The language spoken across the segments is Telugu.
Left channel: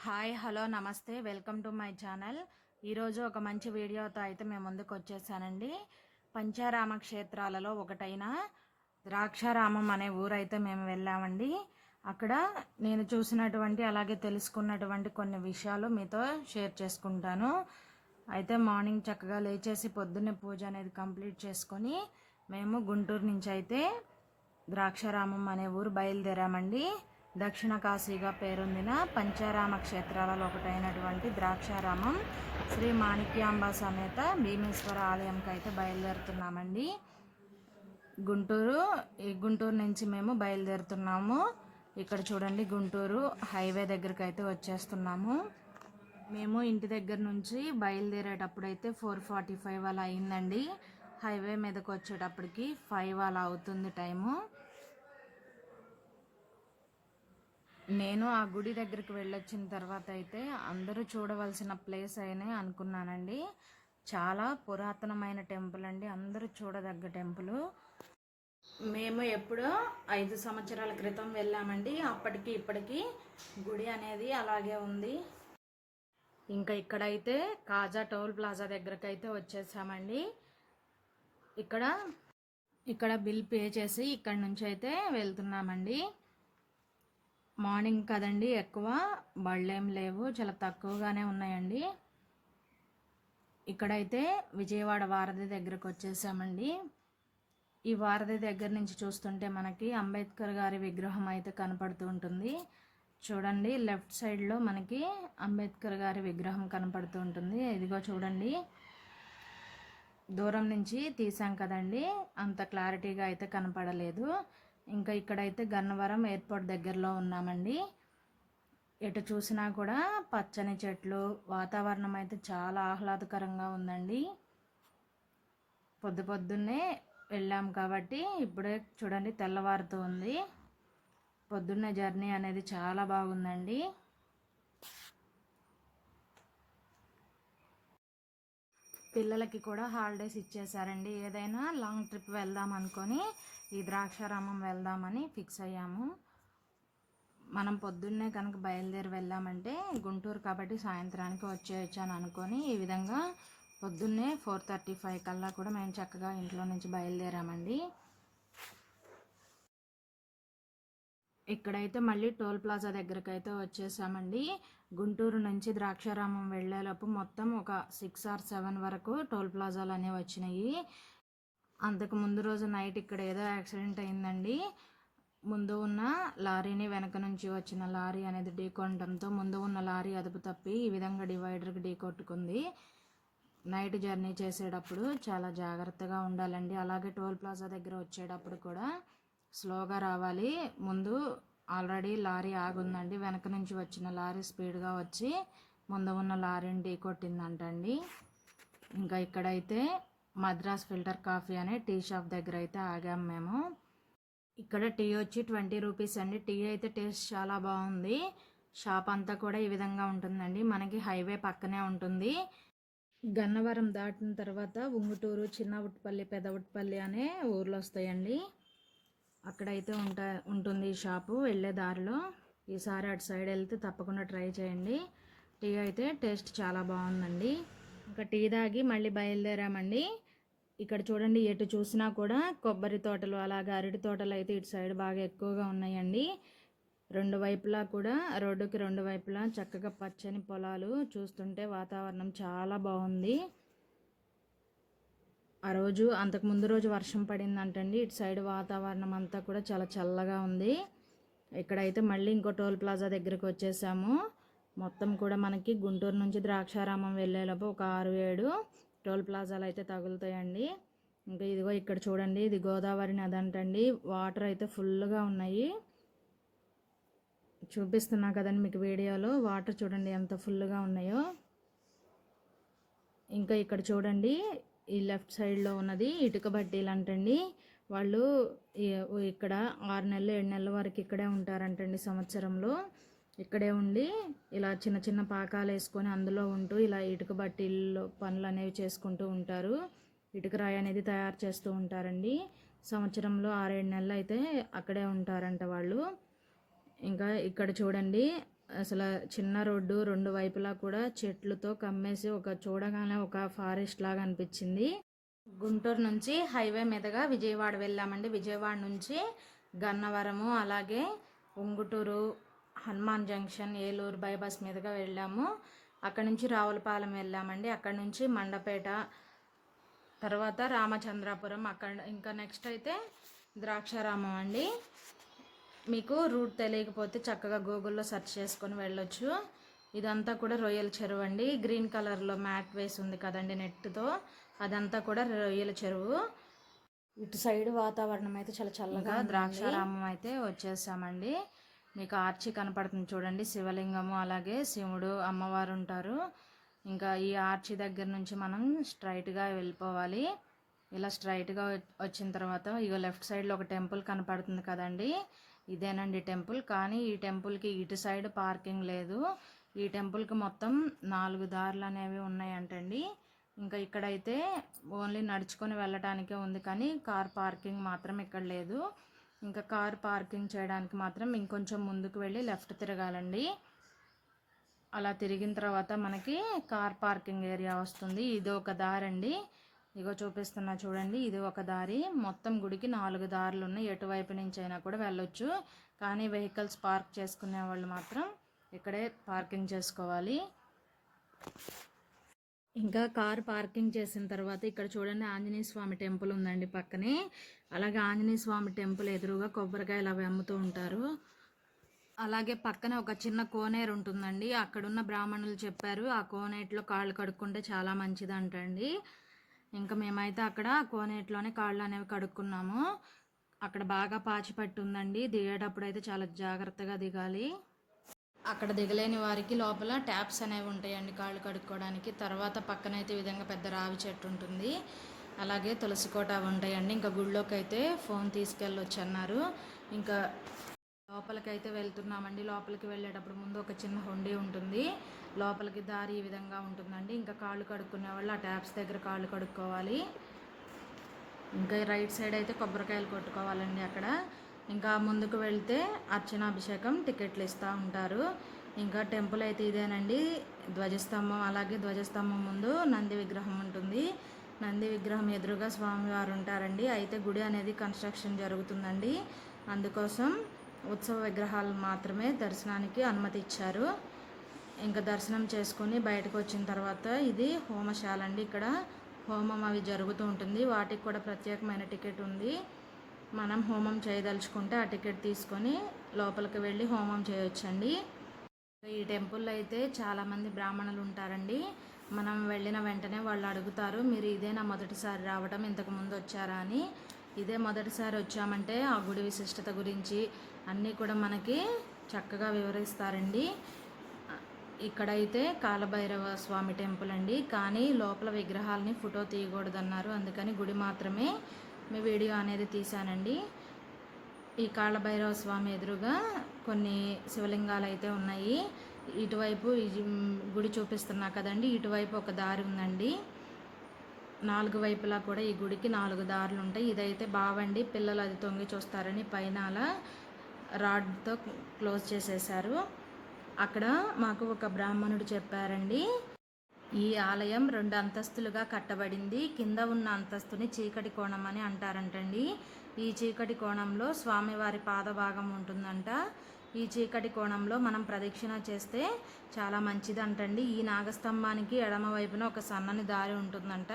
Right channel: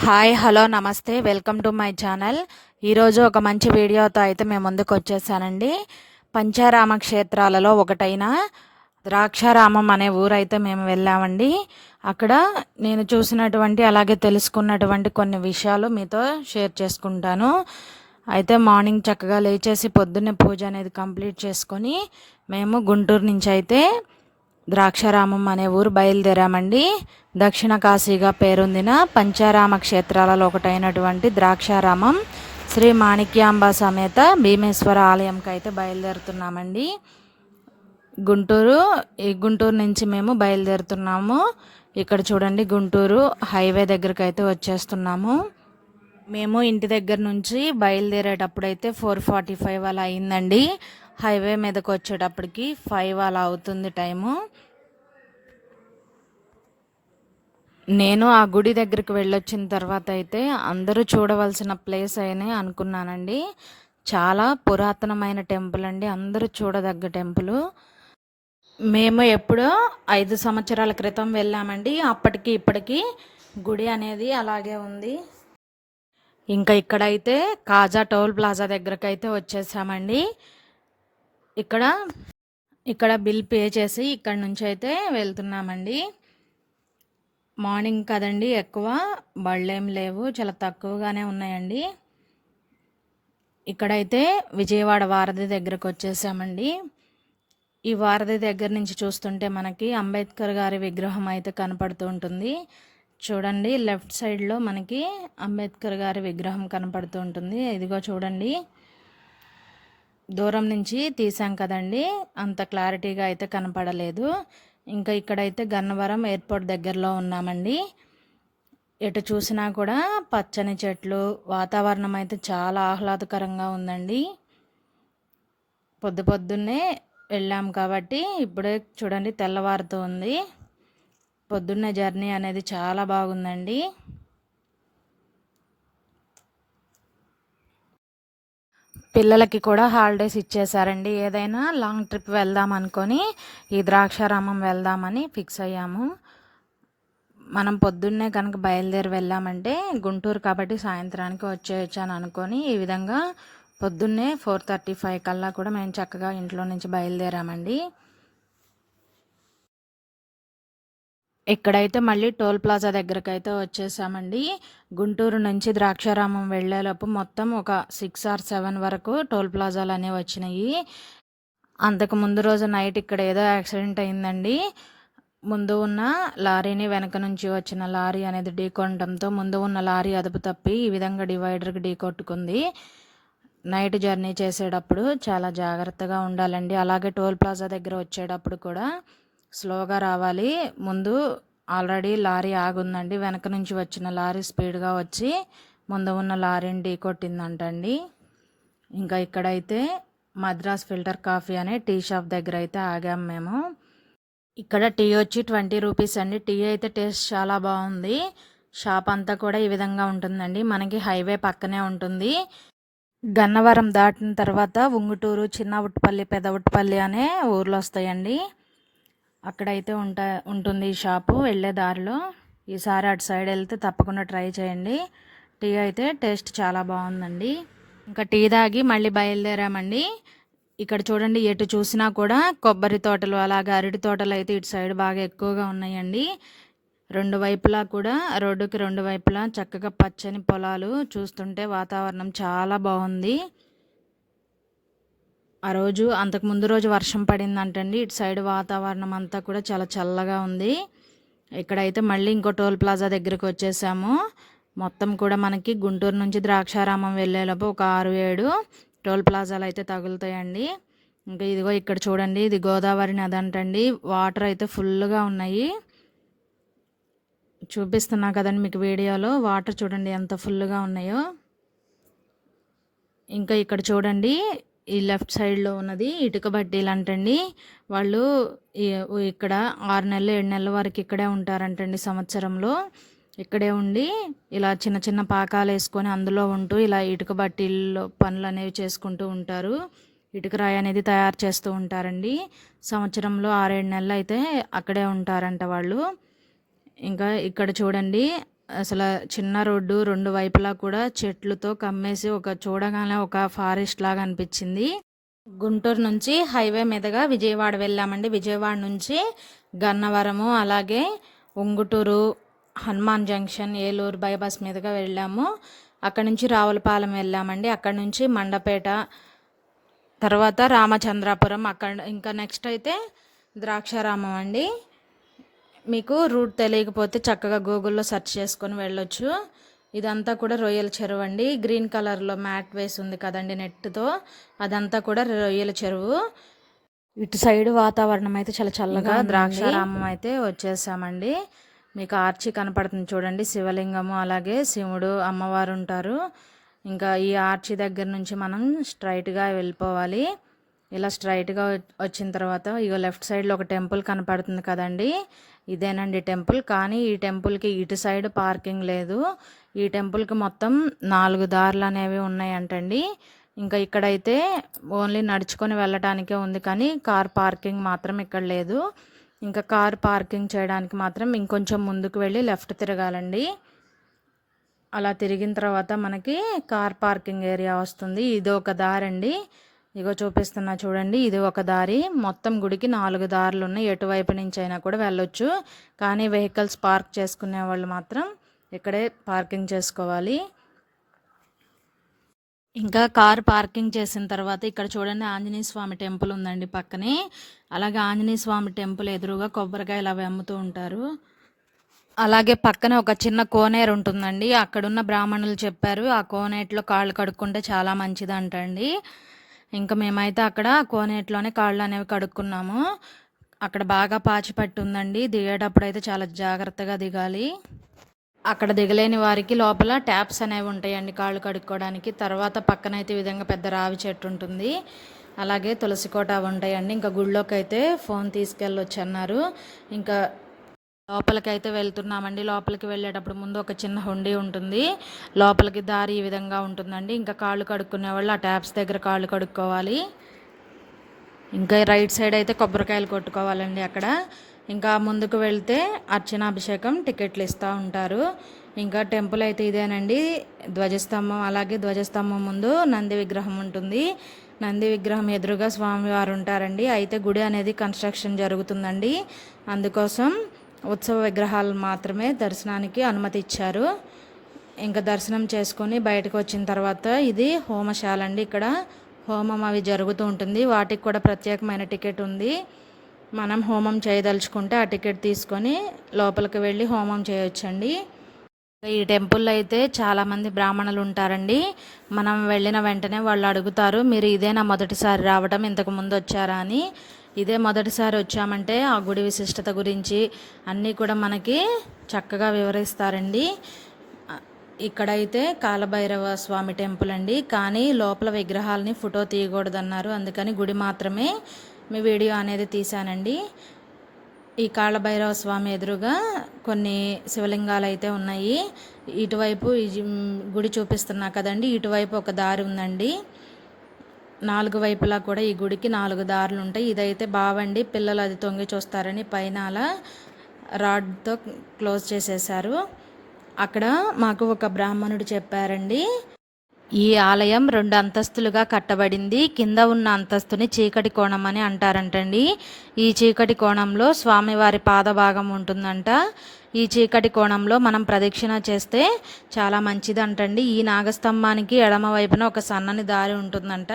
హాయ్ హలో నమస్తే. Welcome to my channel. ఈరోజు ఒక మంచి వీడియోతో అయితే మేము ముందుకు వచ్చేసానండి. పంచారామ క్షేత్రాలలో ఒకటైన ద్రాక్షారామం అనే ఊరైతే మేము వెళ్ళామండి. అక్కడ నేను చూసినటువంటి అలాగే తెలుసుకున్నటువంటి కొన్ని విషయాలు మీతో షేర్ చేసుకుంటాను. అయితే మార్నింగ్ చక్కగా లేచేసి పొద్దున్నే పూజ అనేది కంప్లీట్ చేసుకొని మేము గుంటూరు నుంచి అయితే ద్రాక్షారామం అనే ఊరు బయలుదేరామండి. దక్షిణ కాశీగా పేరొందిన పంచారామ క్షేత్రాలలో ఒకటైనటువంటి ద్రాక్షారామం శ్రీ మాణిక్యాంబ సమేత భీమేశ్వర ఆలయంకి అయితే బయలుదేరుతున్నామండి. గుంటూరు ఈ గుంటూరు నుంచి మేము బయలుదేరుతున్నాము. ఇక్కడ చూడండి గుంటూరు హైవే దగ్గరికి అయితే వచ్చేస్తున్నాము. మేము ఇంటి దగ్గర నుంచి బయలుదేరేటప్పుడు అయితే ఫోర్ ఫార్టీ ఫైవ్ అలా అయిందండి. హైవే మీదకి వచ్చేటప్పటికి ఫైవ్ అలా అవుతుంది టైము. నేను ఆ గుడి దగ్గరికి వెళ్ళొచ్చిన తర్వాత అయితే అందరూ చూడవలసిన ప్లేస్ అని అనుకున్నానండి. చాలా పురాతనమైన టెంపుల్ అండి. అందరూ చూడదగ్గ టెంపుల్. మేము ఎప్పుడో ఐదు సంవత్సరాల క్రితం వెళ్ళామండి. అప్పటికి ఇప్పటికి గుడి అనేది అలాగే ఉంది. ఇంకా ఇక్కడైతే కాజా టోల్ ప్లాజా దగ్గరకు అయితే వచ్చేసామండి. ఇక్కడ ఇక్కడ బిల్ పే చేసి ఇక్కడ నుంచి అయితే వెళ్తున్నామండి. మార్నింగ్ కదండి ఎక్కువ. బళ్ళేం లేవు చాలా తక్కువగానే ఉన్నాయండి. ఇక్కడైతే విజయవాడ వారధి దగ్గరకు వచ్చేసామండి. ఈ వారధి దగ్గర నుంచి చూస్తుంటే మనకి అంబేద్కర్ గారి విగ్రహం అయితే కనపడుతూ ఉంటుంది. చూడండి లెఫ్ట్ సైడ్లో మనకి అంబేద్కర్ గారి విగ్రహం కనపడుతూ ఉంటుంది. ఇదిగో చూడండి. దూరం నుంచి తీసాం కదండి. అంత క్లారిటీగా అయితే కనపడలేదు. ఇంకా ఇక్కడైతే గన్నవరం ఎయిర్పోర్ట్ దగ్గరలో ఉన్నామండి. ఎటు చూసినా కూడా పచ్చని చెట్లు వాతావరణం అయితే చాలా ఆహ్లాదకరంగా ఉందండి. పొద్దు పొద్దున్నే వెళ్ళాం కాబట్టి ఇప్పుడే చూడండి తెల్లవారుతూ ఉంది పొద్దున్నే జర్నీ అనేది చాలా బాగుందండి. పిల్లలకి కూడా హాలిడేస్ ఇచ్చేసారండి ఏదైనా లాంగ్ ట్రిప్ వెళ్దాం అనుకొని ఈ ద్రాక్షారామం వెళ్దామని ఫిక్స్ అయ్యాము. మనం పొద్దున్నే కనుక బయలుదేరి వెళ్ళామంటే గుంటూరు కాబట్టి సాయంత్రానికి వచ్చేయచ్చు అని అనుకొని ఈ విధంగా పొద్దున్నే ఫోర్ థర్టీ ఫైవ్ కల్లా కూడా మేము చక్కగా ఇంట్లో నుంచి బయలుదేరామండి. ఇక్కడైతే మళ్ళీ టోల్ ప్లాజా దగ్గరకు అయితే వచ్చేసామండి. గుంటూరు నుంచి ద్రాక్షారామం వెళ్ళేలోపు మొత్తం ఒక సిక్స్ ఆర్ సెవెన్ వరకు టోల్ ప్లాజాలు అనేవి వచ్చినాయి. అంతకు ముందు రోజు నైట్ ఇక్కడ ఏదో యాక్సిడెంట్ అయిందండి. ముందు ఉన్న లారీని వెనక నుంచి వచ్చిన లారీ అనేది ఢీకొనడంతో ముందు ఉన్న లారీ అదుపు తప్పి ఈ విధంగా డివైడర్కి ఢీ కొట్టుకుంది. నైట్ జర్నీ చేసేటప్పుడు చాలా జాగ్రత్తగా ఉండాలండి. అలాగే టోల్ ప్లాజా దగ్గర వచ్చేటప్పుడు కూడా స్లోగా రావాలి. ముందు ఆల్రెడీ లారీ ఆగుందండి. వెనక నుంచి వచ్చిన లారీ స్పీడ్గా వచ్చి ముందు ఉన్న లారీని ఢీ కొట్టిందంటండి. ఇంకా ఇక్కడైతే మద్రాస్ ఫిల్టర్ కాఫీ అనే టీ షాప్ దగ్గర అయితే ఆగాము మేము. ఇక్కడ టీ వచ్చి ట్వంటీ రూపీస్ అండి. టీ అయితే టేస్ట్ చాలా బాగుంది. షాప్ అంతా కూడా ఈ విధంగా ఉంటుందండి. మనకి హైవే పక్కనే ఉంటుంది. గన్నవరం దాటిన తర్వాత ఉంగుటూరు చిన్న ఉట్టుపల్లి పెద్ద ఉట్టుపల్లి అనే ఊర్లు వస్తాయండి. అక్కడైతే ఉంటా ఉంటుంది ఈ షాపు. వెళ్ళే దారిలో ఈసారి అటు సైడ్ వెళ్తే తప్పకుండా ట్రై చేయండి. టీ అయితే టేస్ట్ చాలా బాగుందండి. ఇంకా టీ తాగి మళ్ళీ బయలుదేరామండి. ఇక్కడ చూడండి ఎటు చూసినా కూడా కొబ్బరి తోటలు అలాగే అరటి తోటలు అయితే ఇటు సైడ్ బాగా ఎక్కువగా ఉన్నాయండి. రెండు వైపులా కూడా రోడ్డుకి రెండు వైపులా చక్కగా పచ్చని పొలాలు చూస్తుంటే వాతావరణం చాలా బాగుంది. ఆ రోజు అంతకు ముందు రోజు వర్షం పడిందంటండి. ఇటు సైడ్ వాతావరణం అంతా కూడా చాలా చల్లగా ఉంది. ఇక్కడైతే మళ్ళీ ఇంకో టోల్ ప్లాజా దగ్గరికి వచ్చేసాము. మొత్తం కూడా మనకి గుంటూరు నుంచి ద్రాక్షారామం వెళ్ళేలోపు ఒక ఆరు ఏడు టోల్ ప్లాజాలు అయితే తగులుతాయండి. ఇంకా ఇదిగో ఇక్కడ చూడండి ఇది గోదావరి నది అంటండి వాటర్ అయితే ఫుల్గా ఉన్నాయి. చూపిస్తున్నా కదండి మీకు వీడియోలో. వాటర్ చూడండి ఎంత ఫుల్గా ఉన్నాయో. ఇంకా ఇక్కడ చూడండి ఈ లెఫ్ట్ సైడ్లో ఉన్నది ఇటుక బడ్డీలు అంటండి వాళ్ళు ఇక్కడ ఆరు నెలలు ఏడు నెలల వరకు ఇక్కడే ఉంటారంటండి సంవత్సరంలో. ఇక్కడే ఉండి ఇలా చిన్న చిన్న పాకాలు వేసుకొని అందులో ఉంటూ ఇలా ఇటుక బట్టీల్లో పనులు అనేవి చేసుకుంటూ ఉంటారు. ఇటుక రాయి అనేది తయారు చేస్తూ ఉంటారండి. సంవత్సరంలో ఆరేడు నెలలు అయితే అక్కడే ఉంటారంట వాళ్ళు. ఇంకా ఇక్కడ చూడండి అసలు చిన్న రోడ్డు రెండు వైపులా కూడా చెట్లతో కమ్మేసి ఒక చూడగానే ఒక ఫారెస్ట్ లాగా అనిపించింది. గుంటూరు నుంచి హైవే మీదుగా విజయవాడ వెళ్ళామండి. విజయవాడ నుంచి గన్నవరము అలాగే ఉంగుటూరు హనుమాన్ జంక్షన్ ఏలూరు బైపాస్ మీదుగా వెళ్ళాము. అక్కడి నుంచి రావులపాలెం వెళ్ళామండి. అక్కడి నుంచి మండపేట తర్వాత రామచంద్రాపురం అక్కడ ఇంకా నెక్స్ట్ అయితే ద్రాక్షారామం అండి. మీకు రూట్ తెలియకపోతే చక్కగా గూగుల్లో సెర్చ్ చేసుకొని వెళ్ళొచ్చు. ఇదంతా కూడా రొయ్యల చెరువు అండి. గ్రీన్ కలర్లో మ్యాట్ వేసి ఉంది కదండి నెట్తో అదంతా కూడా రొయ్యల చెరువు. ఇటు సైడ్ వాతావరణం అయితే చాలా చల్లగా ద్రాక్షారామం అయితే వచ్చేసామండి. మీకు ఆర్చి కనపడుతుంది చూడండి. శివలింగము అలాగే శివుడు అమ్మవారు ఉంటారు. ఇంకా ఈ ఆర్చి దగ్గర నుంచి మనం స్ట్రైట్గా వెళ్ళిపోవాలి. ఇలా స్ట్రైట్గా వచ్చిన తర్వాత ఇగో లెఫ్ట్ సైడ్లో ఒక టెంపుల్ కనపడుతుంది కదండి. ఇదేనండి టెంపుల్. కానీ ఈ టెంపుల్కి ఇటు సైడ్ పార్కింగ్ లేదు. ఈ టెంపుల్కి మొత్తం నాలుగు దారులు అనేవి ఉన్నాయంటండి. ఇంకా ఇక్కడైతే ఓన్లీ నడుచుకొని వెళ్ళటానికే ఉంది కానీ కార్ పార్కింగ్ మాత్రం ఇక్కడ లేదు. ఇంకా కార్ పార్కింగ్ చేయడానికి మాత్రం ఇంకొంచెం ముందుకు వెళ్ళి లెఫ్ట్ తిరగాలండి. అలా తిరిగిన తర్వాత మనకి కార్ పార్కింగ్ ఏరియా వస్తుంది. ఇది ఒక దారండి. ఇగో చూపిస్తున్నా చూడండి ఇది ఒక దారి. మొత్తం గుడికి నాలుగు దారులు ఉన్నాయి. ఎటువైపు నుంచి అయినా కూడా వెళ్ళొచ్చు. కానీ వెహికల్స్ పార్క్ చేసుకునే వాళ్ళు మాత్రం ఇక్కడే పార్కింగ్ చేసుకోవాలి. ఇంకా కార్ పార్కింగ్ చేసిన తర్వాత ఇక్కడ చూడండి ఆంజనేయ స్వామి టెంపుల్ ఉందండి పక్కనే. అలాగే ఆంజనేయ స్వామి టెంపుల్ ఎదురుగా కొబ్బరికాయలు అవి అమ్ముతూ ఉంటారు. అలాగే పక్కన ఒక చిన్న కోనేరు ఉంటుందండి. అక్కడున్న బ్రాహ్మణులు చెప్పారు ఆ కోనేటిలో కాళ్ళు కడుక్కుంటే చాలా మంచిది అంటండి ఇంకా మేమైతే అక్కడ కోనేటిలోనే కాళ్ళు అనేవి కడుక్కున్నాము. అక్కడ బాగా పాచి పట్టి ఉందండి దిగేటప్పుడు అయితే చాలా జాగ్రత్తగా దిగాలి. అక్కడ దిగలేని వారికి లోపల ట్యాప్స్ అనేవి ఉంటాయండి కాళ్ళు కడుక్కోవడానికి. తర్వాత పక్కన అయితే ఈ విధంగా పెద్ద రావి చెట్టు ఉంటుంది. అలాగే తులసి కోట ఉంటాయండి. ఇంకా గుళ్ళోకి అయితే ఫోన్ తీసుకెళ్ళొచ్చు అన్నారు ఇంకా లోపలికి అయితే వెళ్తున్నామండి. లోపలికి వెళ్ళేటప్పుడు ముందు ఒక చిన్న హుండీ ఉంటుంది. లోపలికి దారి ఈ విధంగా ఉంటుందండి. ఇంకా కాళ్ళు కడుక్కునే వాళ్ళు ఆ ట్యాప్స్ దగ్గర కాళ్ళు కడుక్కోవాలి. ఇంకా రైట్ సైడ్ అయితే కొబ్బరికాయలు కొట్టుకోవాలండి అక్కడ. ఇంకా ముందుకు వెళ్తే అర్చనాభిషేకం టికెట్లు ఇస్తూ ఉంటారు. ఇంకా టెంపుల్ అయితే ఇదేనండి. ధ్వజస్తంభం అలాగే ధ్వజస్తంభం ముందు నంది విగ్రహం ఉంటుంది. నంది విగ్రహం ఎదురుగా స్వామివారు ఉంటారండి. అయితే గుడి అనేది కన్స్ట్రక్షన్ జరుగుతుందండి. అందుకోసం ఉత్సవ విగ్రహాలు మాత్రమే దర్శనానికి అనుమతి ఇచ్చారు. ఇంకా దర్శనం చేసుకొని బయటకు వచ్చిన తర్వాత ఇది హోమశాల అండి. ఇక్కడ హోమం అవి జరుగుతూ ఉంటుంది. వాటికి కూడా ప్రత్యేకమైన టికెట్ ఉంది. మనం హోమం చేయదలుచుకుంటే ఆ టికెట్ తీసుకొని లోపలికి వెళ్ళి హోమం చేయొచ్చండి. ఈ టెంపుల్లో అయితే చాలామంది బ్రాహ్మణులు ఉంటారండి. మనం వెళ్ళిన వెంటనే వాళ్ళు అడుగుతారు మీరు ఇదేనా మొదటిసారి రావడం ఇంతకు ముందు వచ్చారా? అని. ఇదే మొదటిసారి వచ్చామంటే ఆ గుడి విశిష్టత గురించి అన్నీ కూడా మనకి చక్కగా వివరిస్తారండి. ఇక్కడైతే కాలభైరవ స్వామి టెంపుల్ అండి. కానీ లోపల విగ్రహాలని ఫోటో తీయకూడదన్నారు. అందుకని గుడి మాత్రమే మీ వీడియో అనేది తీశానండి. ఈ కాళభైరవ స్వామి ఎదురుగా కొన్ని శివలింగాలు అయితే ఉన్నాయి. ఇటువైపు ఈ గుడి చూపిస్తున్నా కదండి. ఇటువైపు ఒక దారి ఉందండి. నాలుగు వైపులా కూడా ఈ గుడికి నాలుగు దారులు ఉంటాయి. ఇదైతే బావండి పిల్లలు అది తొంగి చూస్తారని పైన అలా రాడ్తో క్లోజ్ చేసేసారు అక్కడ మాకు ఒక బ్రాహ్మణుడు చెప్పారండి ఈ ఆలయం రెండు అంతస్తులుగా కట్టబడింది. కింద ఉన్న అంతస్తుని చీకటి కోణం అని అంటారంటండి. ఈ చీకటి కోణంలో స్వామివారి పాదభాగం ఉంటుందంట. ఈ చీకటి కోణంలో మనం ప్రదక్షిణ చేస్తే చాలా మంచిదంటండి. ఈ నాగస్తంభానికి ఎడమ వైపున ఒక సన్నని దారి ఉంటుందంట.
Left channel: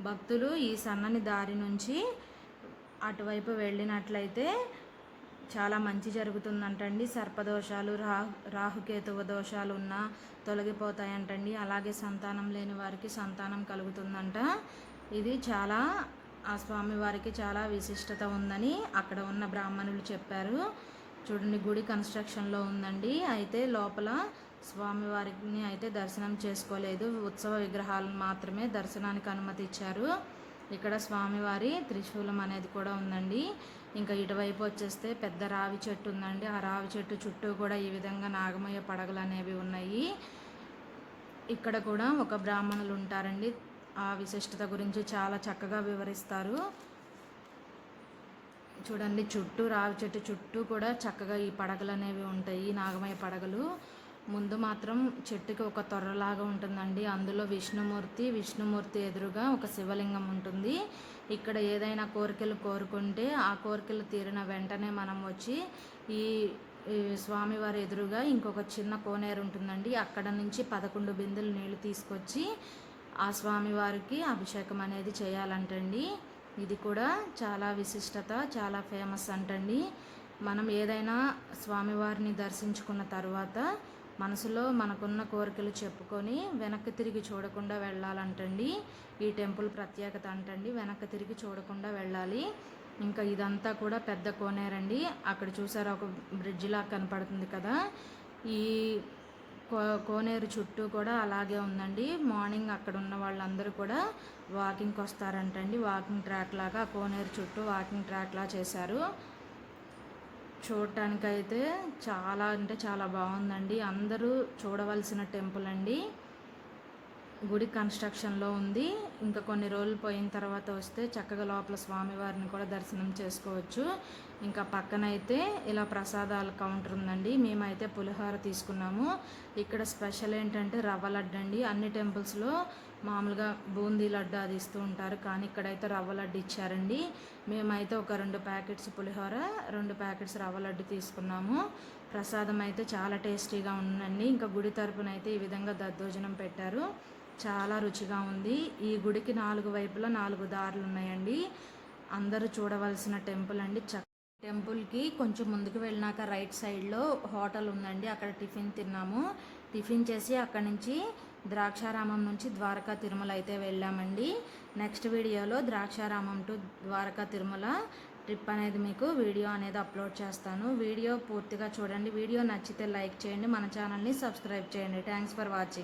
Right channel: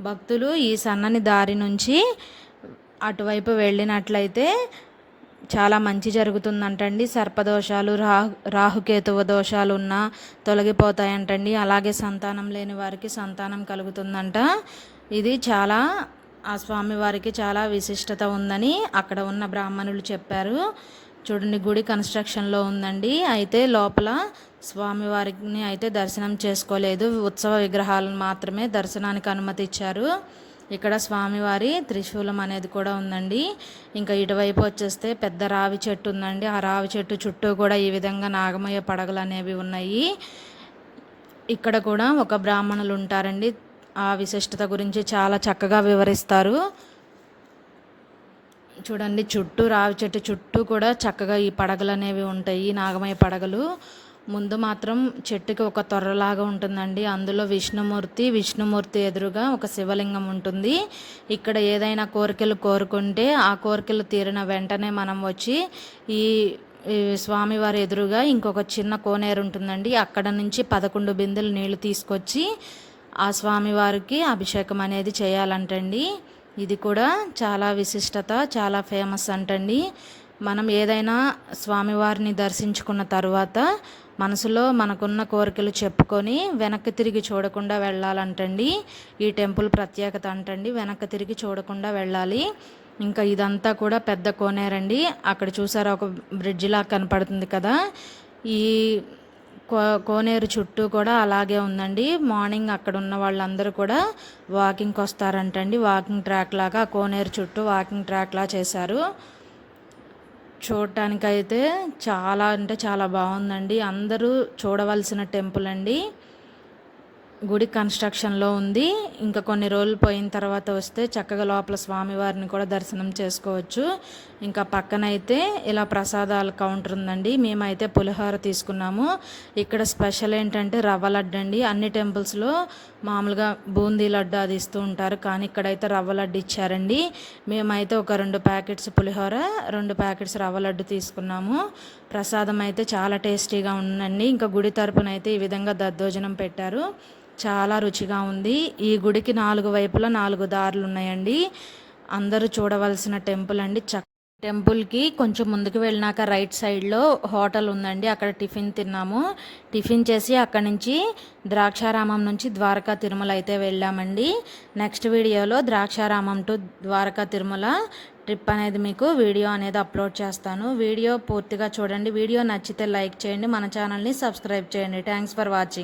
భక్తులు ఈ సన్నని దారి నుంచి అటువైపు వెళ్ళినట్లయితే చాలా మంచి జరుగుతుందంటండి. సర్పదోషాలు రాహు రాహుకేతువ దోషాలు ఉన్నా తొలగిపోతాయంటండి. అలాగే సంతానం లేని వారికి సంతానం కలుగుతుందంట. ఇది చాలా ఆ స్వామివారికి చాలా విశిష్టత ఉందని అక్కడ ఉన్న బ్రాహ్మణులు చెప్పారు. చూడండి గుడి కన్స్ట్రక్షన్లో ఉందండి. అయితే లోపల స్వామివారిని అయితే దర్శనం చేసుకోలేదు. ఉత్సవ విగ్రహాలను మాత్రమే దర్శనానికి అనుమతి ఇచ్చారు ఇక్కడ స్వామివారి త్రిశూలం అనేది కూడా ఉందండి. ఇంకా ఇటువైపు వచ్చేస్తే పెద్ద రావి చెట్టు ఉందండి. ఆ రావి చెట్టు చుట్టూ కూడా ఈ విధంగా నాగమయ్య పడగలు అనేవి ఉన్నాయి. ఇక్కడ కూడా ఒక బ్రాహ్మణులు ఉంటారండి. ఆ విశిష్టత గురించి చాలా చక్కగా వివరిస్తారు. చూడండి చుట్టూ రావి చెట్టు చుట్టూ కూడా చక్కగా ఈ పడగలు అనేవి ఉంటాయి నాగమయ్య పడగలు. ముందు మాత్రం చెట్టుకి ఒక తొర్రలాగా ఉంటుందండి. అందులో విష్ణుమూర్తి విష్ణుమూర్తి ఎదురుగా ఒక శివలింగం ఉంటుంది. ఇక్కడ ఏదైనా కోరికలు కోరుకుంటే ఆ కోరికలు తీరిన వెంటనే మనం వచ్చి ఈ ఈ స్వామివారి ఎదురుగా ఇంకొక చిన్న కోనేరు ఉంటుందండి. అక్కడ నుంచి పదకొండు బిందెలు నీళ్ళు తీసుకొచ్చి ఆ స్వామివారికి అభిషేకం అనేది చేయాలంటండి. ఇది కూడా చాలా విశిష్టత చాలా ఫేమస్ అంటండి. మనం ఏదైనా స్వామివారిని దర్శించుకున్న తర్వాత మనసులో మనకున్న కోరికలు చెప్పుకొని వెనక్కి తిరిగి చూడకుండా వెళ్ళాలంటండి. ఈ టెంపుల్ ప్రత్యేకత అంటండి వెనక్కి తిరిగి చూడకుండా వెళ్ళాలి. ఇంకా ఇదంతా కూడా పెద్ద కోనేరండి. అక్కడ చూసారా ఒక బ్రిడ్జిలా లాగా కనపడుతుంది కదా. ఈ కోనేరు చుట్టూ కూడా అలాగే ఉందండి. మార్నింగ్ అక్కడ ఉన్న వాళ్ళందరూ కూడా వాకింగ్కి వస్తారంటండి వాకింగ్ ట్రాక్ లాగా కోనేరు చుట్టూ వాకింగ్ ట్రాక్ లా చేశారు. చూడటానికైతే చాలా అంటే చాలా బాగుందండి. అందరూ చూడవలసిన టెంపుల్ అండి. గుడి కన్స్ట్రక్షన్లో ఉంది. ఇంకా కొన్ని రోజులు పోయిన తర్వాత వస్తే చక్కగా లోపల స్వామివారిని కూడా దర్శనం చేసుకోవచ్చు. ఇంకా పక్కనైతే ఇలా ప్రసాదాల కౌంటర్ ఉందండి. మేమైతే పులిహోర తీసుకున్నాము. ఇక్కడ స్పెషల్ ఏంటంటే రవ్వ లడ్డు అండి. అన్ని టెంపుల్స్లో మామూలుగా బూందీ లడ్డు అది ఇస్తూ ఉంటారు. కానీ ఇక్కడైతే రవ్వ లడ్డు ఇచ్చారండి. మేమైతే ఒక రెండు ప్యాకెట్స్ పులిహోర రెండు ప్యాకెట్స్ రవ్వ లడ్డు తీసుకున్నాము. ప్రసాదం అయితే చాలా టేస్టీగా ఉందండి. ఇంకా గుడి తరపున అయితే ఈ విధంగా దద్దోజనం పెట్టారు. చాలా రుచిగా ఉంది. ఈ గుడికి నాలుగు వైపులా నాలుగు దారులు ఉన్నాయండి. అందరూ చూడవలసిన టెంపుల్ అండి. చక్క టెంపుల్కి కొంచెం ముందుకు వెళ్ళినాక రైట్ సైడ్లో హోటల్ ఉందండి. అక్కడ టిఫిన్ తిన్నాము. టిఫిన్ చేసి అక్కడి నుంచి ద్రాక్షారామం నుంచి ద్వారకా తిరుమల అయితే వెళ్ళామండి. నెక్స్ట్ వీడియోలో ద్రాక్షారామం టు ద్వారకా తిరుమల ట్రిప్ అనేది మీకు వీడియో అనేది అప్లోడ్ చేస్తాను. వీడియో పూర్తిగా చూడండి. వీడియో నచ్చితే లైక్ చేయండి. మన ఛానల్ని సబ్స్క్రైబ్ చేయండి. Thanks for watching